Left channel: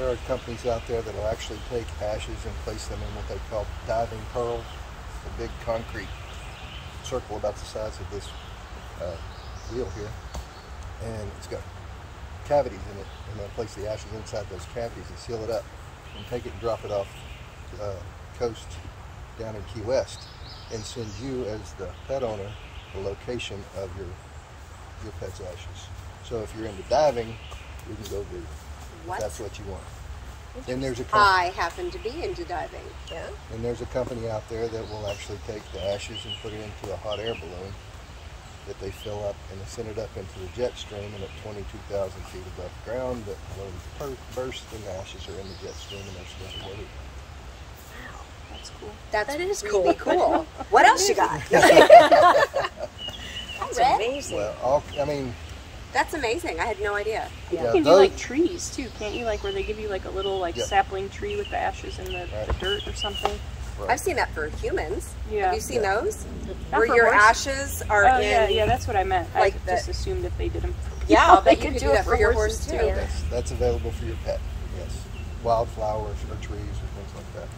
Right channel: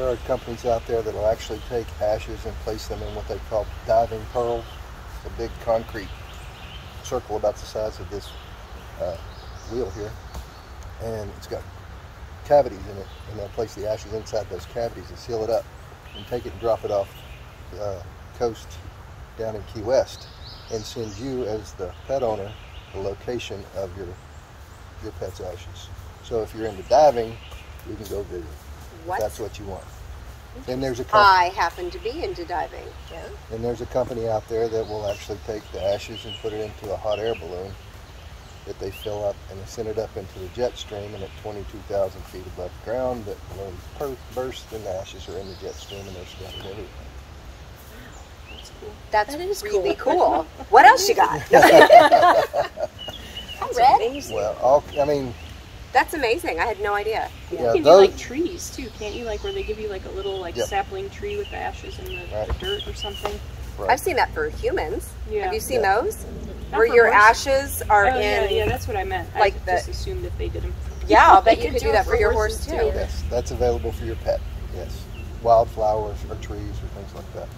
There are companies out there that will actually take ashes and place them in what they call diving pearls. It's a big concrete circle about the size of this wheel here, and it's got cavities in it, and they'll place the ashes inside those cavities and seal it up and take it and drop it off the coast down in Key West and send you as the pet owner the location of your pet's ashes. So if you're into diving, you can go Google if that's what you want. And there's a I happen to be into diving. Yeah. And there's a company out there that will actually take the ashes and put it into a hot air balloon that they fill up and they send it up into the jet stream, and at 22,000 feet above the ground, that balloon bursts and the ashes are in the jet stream and they're scattered everywhere. Wow, that's cool. That is really cool. What else you got? That's amazing. Well, I mean, that's amazing. I had no idea. Yeah, you can do like trees too, can't you? Like where they give you like a little sapling tree with the ashes in the dirt or something. Right. I've seen that for humans. Yeah. Have you seen those? Not where your horse. ashes are in. Yeah, that's what I meant. Like I just assumed if they did them. Yeah, I'll bet you could do that for your horse too. Yes, that's available for your pet. Yes, wildflowers or trees or things like that.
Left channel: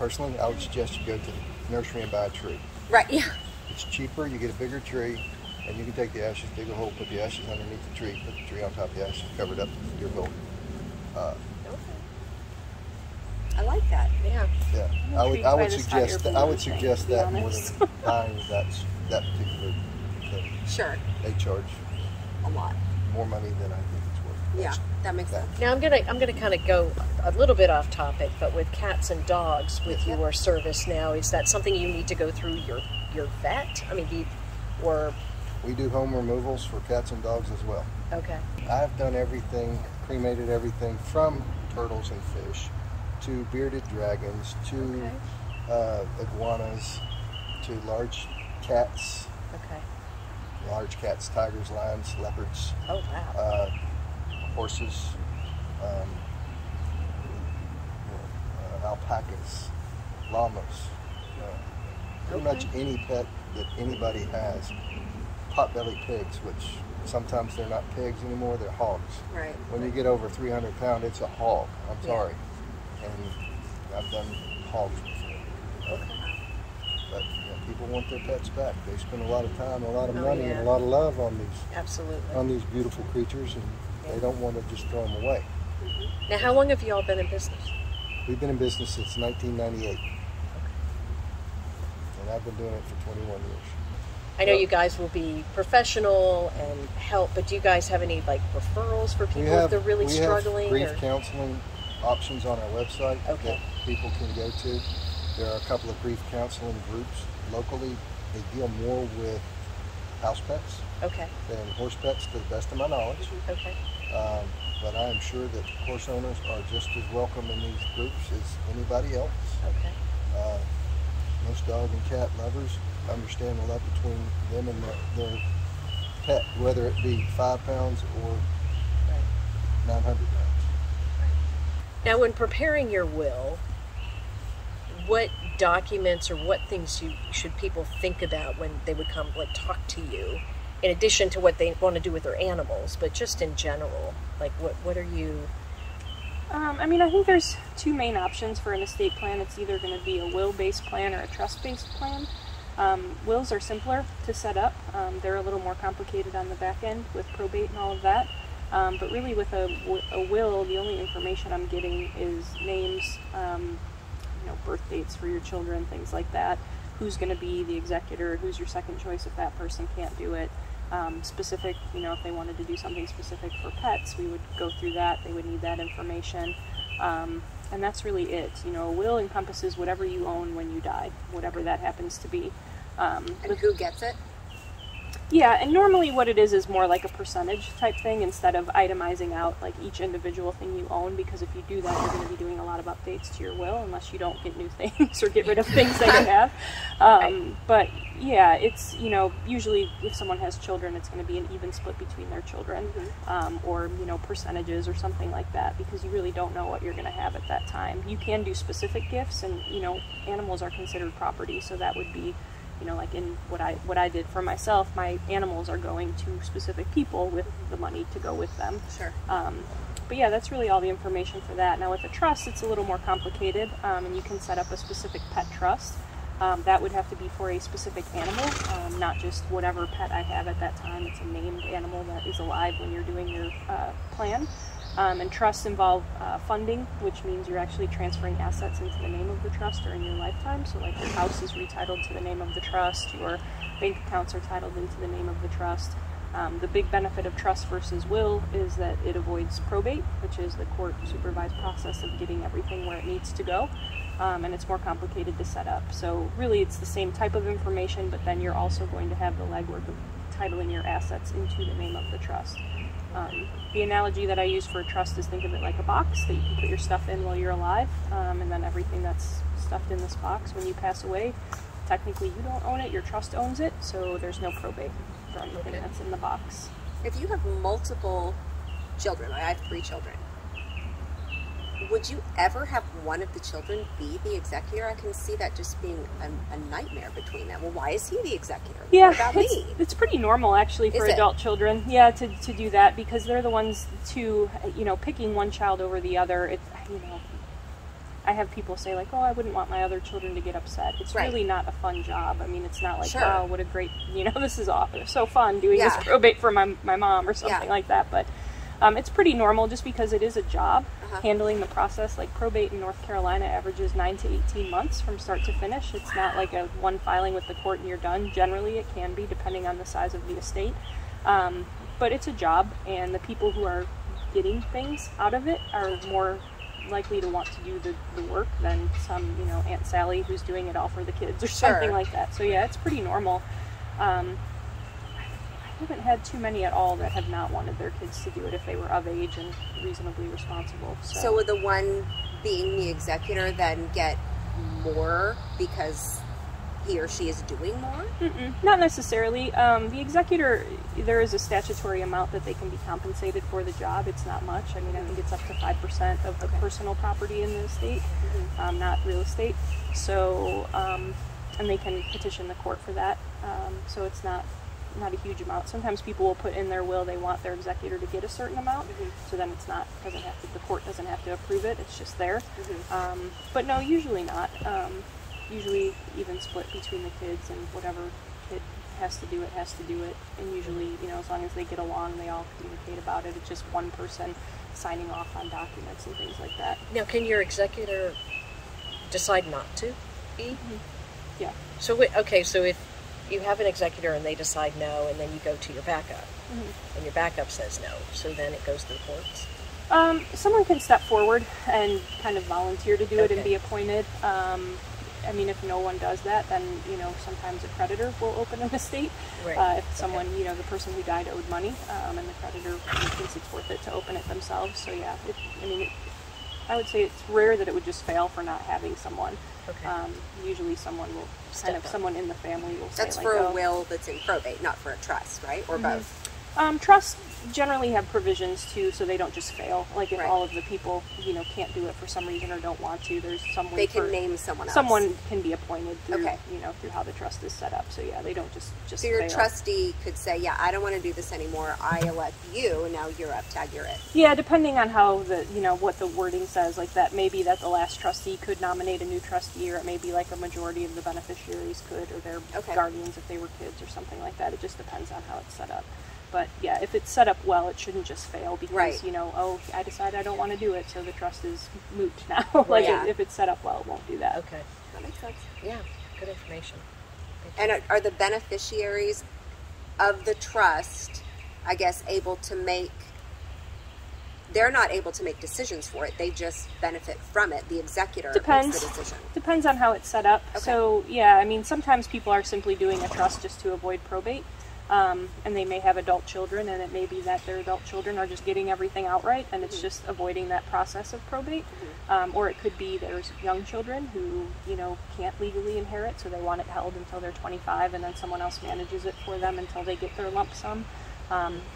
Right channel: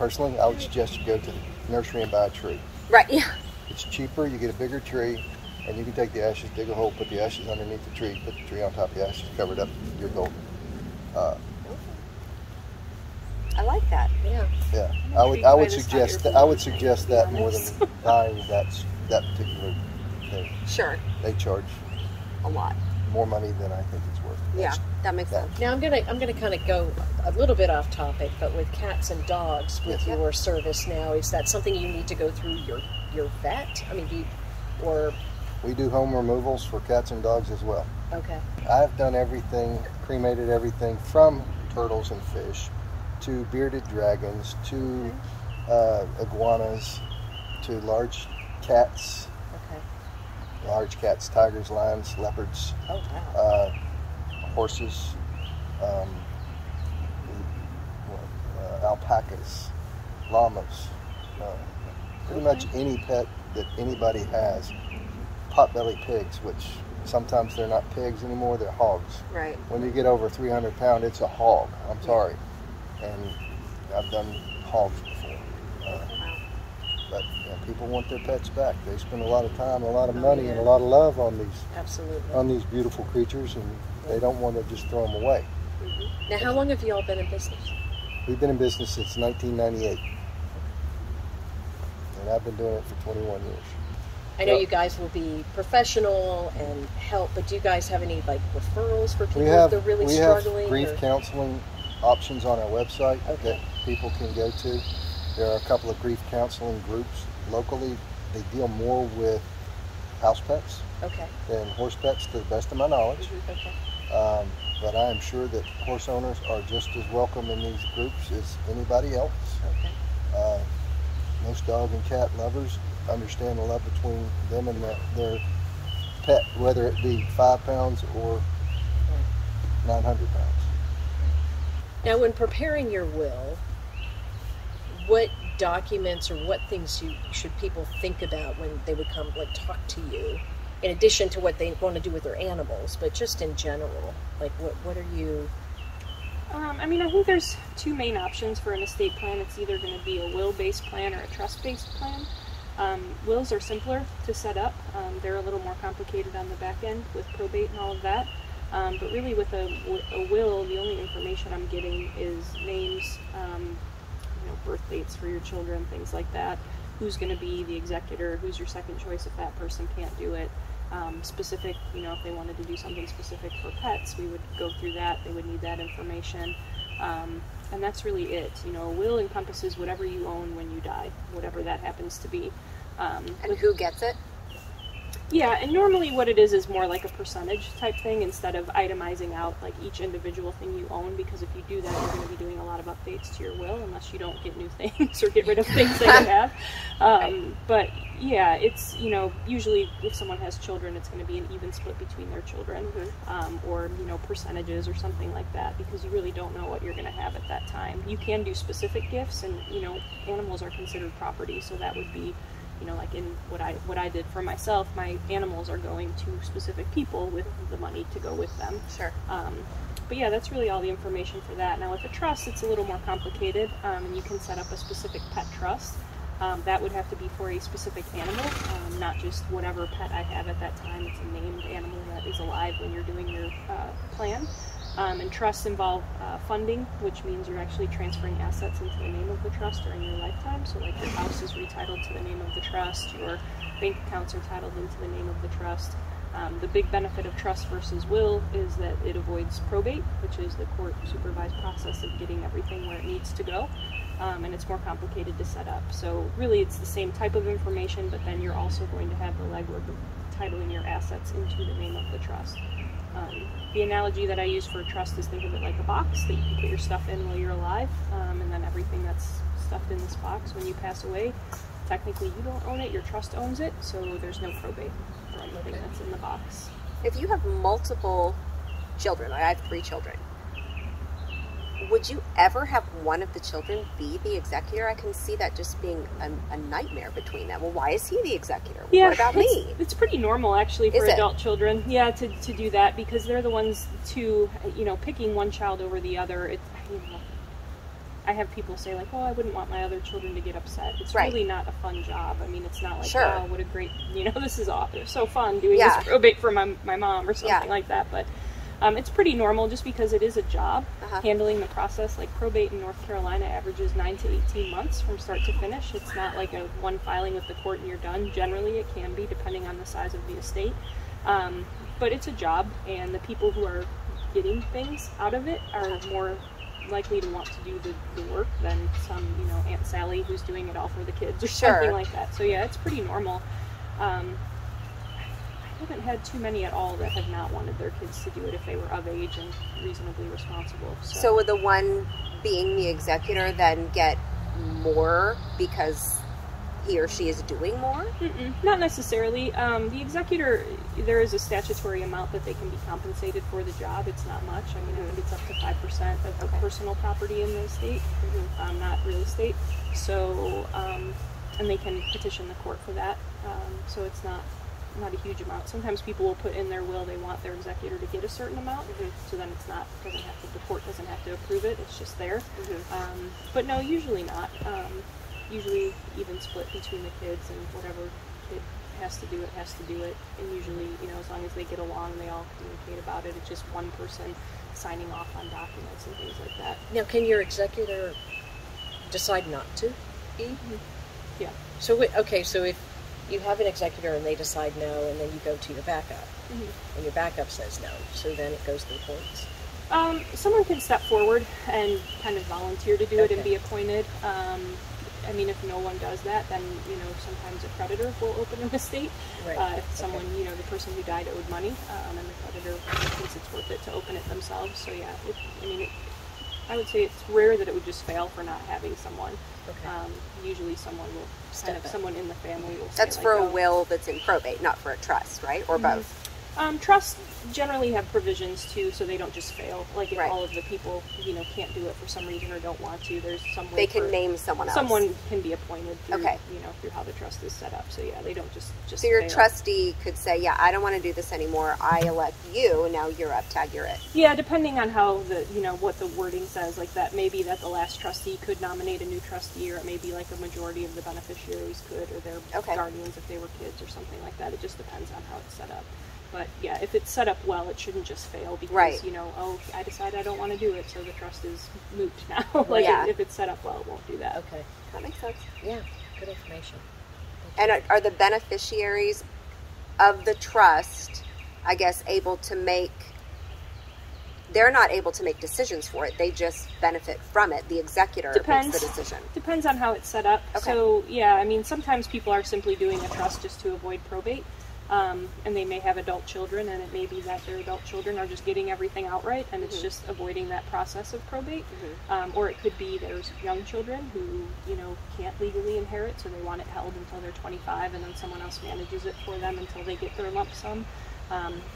Personally, I would suggest you go to the nursery and buy a tree. Right. Yeah. It's cheaper. You get a bigger tree. And you can take the ashes, dig a hole, put the ashes underneath the tree, put the tree on top of the ashes, cover it up, dig a hole. I like that. Yeah. Yeah. I would suggest that more than buying that particular thing. Sure. They charge a lot more money than I think it's worth. Yeah, that makes sense. Now I'm gonna kind of go a little bit off topic, but with cats and dogs, with your service now, is that something you need to go through your vet? I mean, we do home removals for cats and dogs as well. Okay. I've done everything, cremated everything from turtles and fish to bearded dragons to iguanas to large cats. Okay. Large cats, tigers, lions, leopards. Oh, wow. Horses, alpacas, llamas. Pretty much any pet that anybody has. Pot-bellied pigs, which sometimes they're not pigs anymore, they're hogs. Right. When you get over 300 pounds, it's a hog. I'm sorry. And I've done hogs before. Wow. But people want their pets back. They spend a lot of time, a lot of money, and a lot of love on these beautiful creatures, and they don't want to just throw them away. Mm-hmm. Now, how long have you all been in business? We've been in business since 1998. And I've been doing it for 21 years. I know you guys will be professional and help, but do you guys have any referrals for people if they're really struggling? We have grief counseling options on our website that people can go to. There are a couple of grief counseling groups locally. They deal more with house pets than horse pets, to the best of my knowledge. But I am sure that horse owners are just as welcome in these groups as anybody else. Most dog and cat lovers understand the love between them and their pet, whether it be 5 pounds or 900 pounds. Now, when preparing your will, what documents or what things should people think about when they would come talk to you, in addition to what they want to do with their animals, but just in general? What are you... I mean, I think there's two main options for an estate plan. It's either going to be a will-based plan or a trust-based plan. Wills are simpler to set up. They're a little more complicated on the back end with probate and all of that. But really with a will, the only information I'm getting is names, birth dates for your children, things like that. Who's going to be the executor, who's your second choice if that person can't do it. Specific, if they wanted to do something specific for pets, we would go through that. They would need that information. And that's really it. A will encompasses whatever you own when you die, whatever that happens to be. And who gets it? Yeah, and normally what it is more like a percentage type thing instead of itemizing out each individual thing you own, because if you do that, you're going to be doing a lot of updates to your will unless you don't get new things or get rid of things that you have. But yeah, it's, usually if someone has children, it's going to be an even split between their children, or, percentages or something like that, because you really don't know what you're going to have at that time. You can do specific gifts, and, animals are considered property, so that would be you know, like in what I did for myself, my animals are going to specific people with the money to go with them. Sure. But yeah, that's really all the information for that. Now with a trust, it's a little more complicated, and you can set up a specific pet trust. That would have to be for a specific animal, not just whatever pet I have at that time. It's a named animal that is alive when you're doing your plan. And trusts involve funding, which means you're actually transferring assets into the name of the trust during your lifetime. So like your house is retitled to the name of the trust, your bank accounts are titled into the name of the trust. The big benefit of trust versus will is that it avoids probate, which is the court-supervised process of getting everything where it needs to go, and it's more complicated to set up. So really it's the same type of information, but then you're also going to have the legwork of titling your assets into the name of the trust. The analogy that I use for a trust is think of it like a box that you can put your stuff in while you're alive, and then everything that's stuffed in this box when you pass away, technically you don't own it, your trust owns it, so there's no probate for anything that's in the box. If you have multiple children, like I have 3 children, would you ever have one of the children be the executor? I can see that just being a nightmare between them. Well, why is he the executor? Well, Yeah, what about me? It's pretty normal actually for Is it? adult children, yeah, to do that, because they're the ones to, you know, picking one child over the other. It, you know, I have people say like, oh, I wouldn't want my other children to get upset. It's Right. really not a fun job. I mean, it's not like, Sure. oh, what a great, you know, this is awesome, so fun doing Yeah. this probate for my mom or something Yeah. like that. But it's pretty normal just because it is a job. Uh-huh. Handling the process, like probate in North Carolina averages 9 to 18 months from start to finish. It's not like a one filing with the court and you're done. Generally, it can be depending on the size of the estate. But it's a job, and the people who are getting things out of it are more likely to want to do the work than some, you know, Aunt Sally who's doing it all for the kids or Sure. something like that. So yeah, it's pretty normal. I haven't had too many at all that have not wanted their kids to do it if they were of age and reasonably responsible. So would the one being the executor then get more because he or she is doing more? Not necessarily. The executor, there is a statutory amount that they can be compensated for the job. It's not much. I mean, I think it's up to 5% of the personal property in the estate, not real estate. So, and they can petition the court for that. So it's not a huge amount. Sometimes people will put in their will they want their executor to get a certain amount, so then it's not, the court doesn't have to approve it, it's just there. But no, usually not. Usually even split between the kids, and whatever kid has to do it. And usually, you know, as long as they get along, they all communicate about it. It's just one person signing off on documents and things like that. Now, can your executor decide not to be? Yeah. So, so if you have an executor and they decide no, and then you go to your backup, and your backup says no, so then it goes to the courts? Someone can step forward and kind of volunteer to do it and be appointed. I mean, if no one does that, then, you know, sometimes a creditor will open an estate. Right. If someone, you know, the person who died owed money, and the creditor thinks it's worth it to open it themselves. So yeah, I would say it's rare that it would just fail for not having someone. Usually someone will, someone in the family will say, That's like, for a will that's in probate, not for a trust, right? Or both? Trusts generally have provisions too, so they don't just fail. Like if Right. all of the people, you know, can't do it for some reason or don't want to, there's some way They can name someone else. Someone can be appointed through, Okay. you know, through how the trust is set up. So yeah, they don't just So your fail. trustee could say, yeah, I don't want to do this anymore. I elect you, and now you're up, tag, you're it. Yeah, depending on how what the wording says, like that may be that the last trustee could nominate a new trustee, or it may be like a majority of the beneficiaries could, or their guardians if they were kids or something like that. It just depends on how it's set up. But yeah, if it's set up well, it shouldn't just fail because, you know, oh, I decide I don't want to do it, so the trust is moot now. If it's set up well, it won't do that. Okay. That makes sense. Yeah, good information. And are the beneficiaries of the trust, I guess, able to make, they're not able to make decisions for it, they just benefit from it. The executor makes the decision. Depends on how it's set up. Okay. So yeah, I mean, sometimes people are simply doing a trust just to avoid probate. And they may have adult children, and it may be that their adult children are just getting everything outright, and it's just avoiding that process of probate. Or it could be there's young children who, you know, can't legally inherit, so they want it held until they're 25, and then someone else manages it for them until they get their lump sum.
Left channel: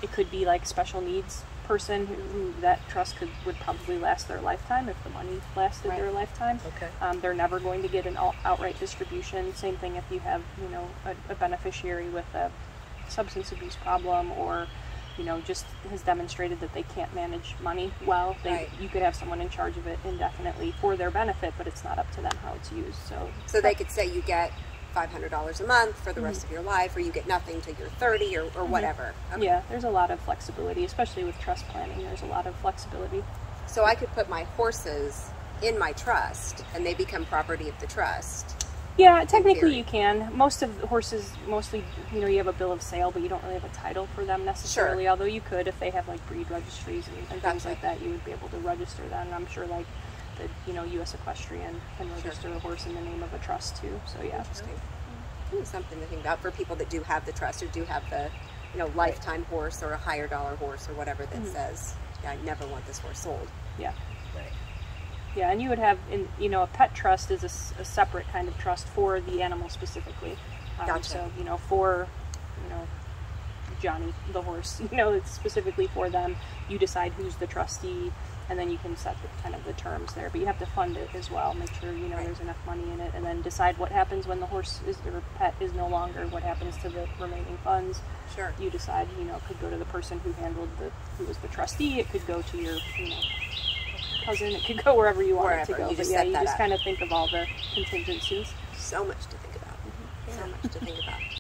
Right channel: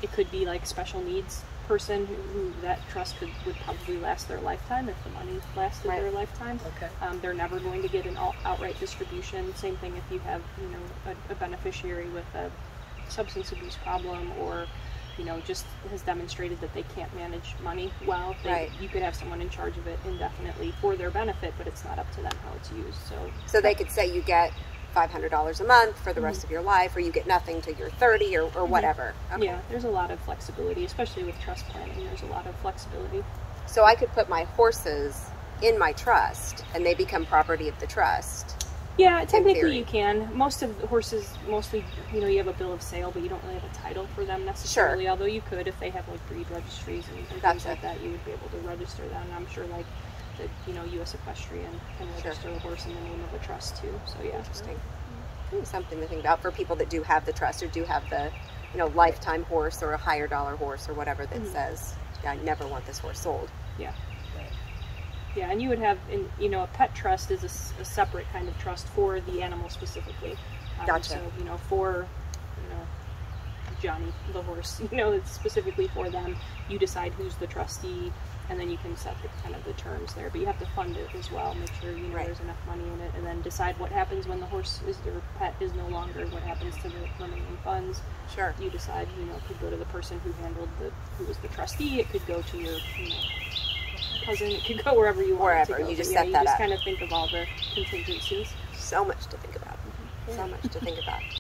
It could be like special needs person who that trust would probably last their lifetime if the money lasted their lifetime. Okay. They're never going to get an outright distribution. Same thing if you have, you know, a beneficiary with a substance abuse problem, or, you know, just has demonstrated that they can't manage money well. You could have someone in charge of it indefinitely for their benefit, but it's not up to them how it's used. So they could say you get $500 a month for the rest of your life, or you get nothing till you're 30, or whatever. Okay. Yeah, there's a lot of flexibility, especially with trust planning. There's a lot of flexibility. So I could put my horses in my trust, and they become property of the trust. Yeah, technically you can. Most of the horses, mostly, you know, you have a bill of sale, but you don't really have a title for them necessarily. Although you could, if they have like breed registries and things like that, you would be able to register them. And I'm sure like the, you know, U.S. Equestrian can register a horse in the name of a trust too. So yeah. Interesting. Something to think about for people that do have the trust, or do have the, you know, lifetime horse or a higher dollar horse or whatever that says, yeah, I never want this horse sold. Yeah. Right. Yeah, and you would have, you know, a pet trust is a separate kind of trust for the animal specifically. Gotcha. So, you know, for, you know, Johnny the horse, you know, it's specifically for them. You decide who's the trustee, and then you can set the, kind of the terms there. But you have to fund it as well. Make sure, you know, there's enough money in it, and then decide what happens when the horse is, or pet is no longer. What happens to the remaining funds? Sure. You decide. You know, it could go to the person who handled who was the trustee. It could go to your, you know, cousin. It could go wherever you want it to go. You just but set you that just up. kind of think of all the contingencies. So much to think about. So much to think about.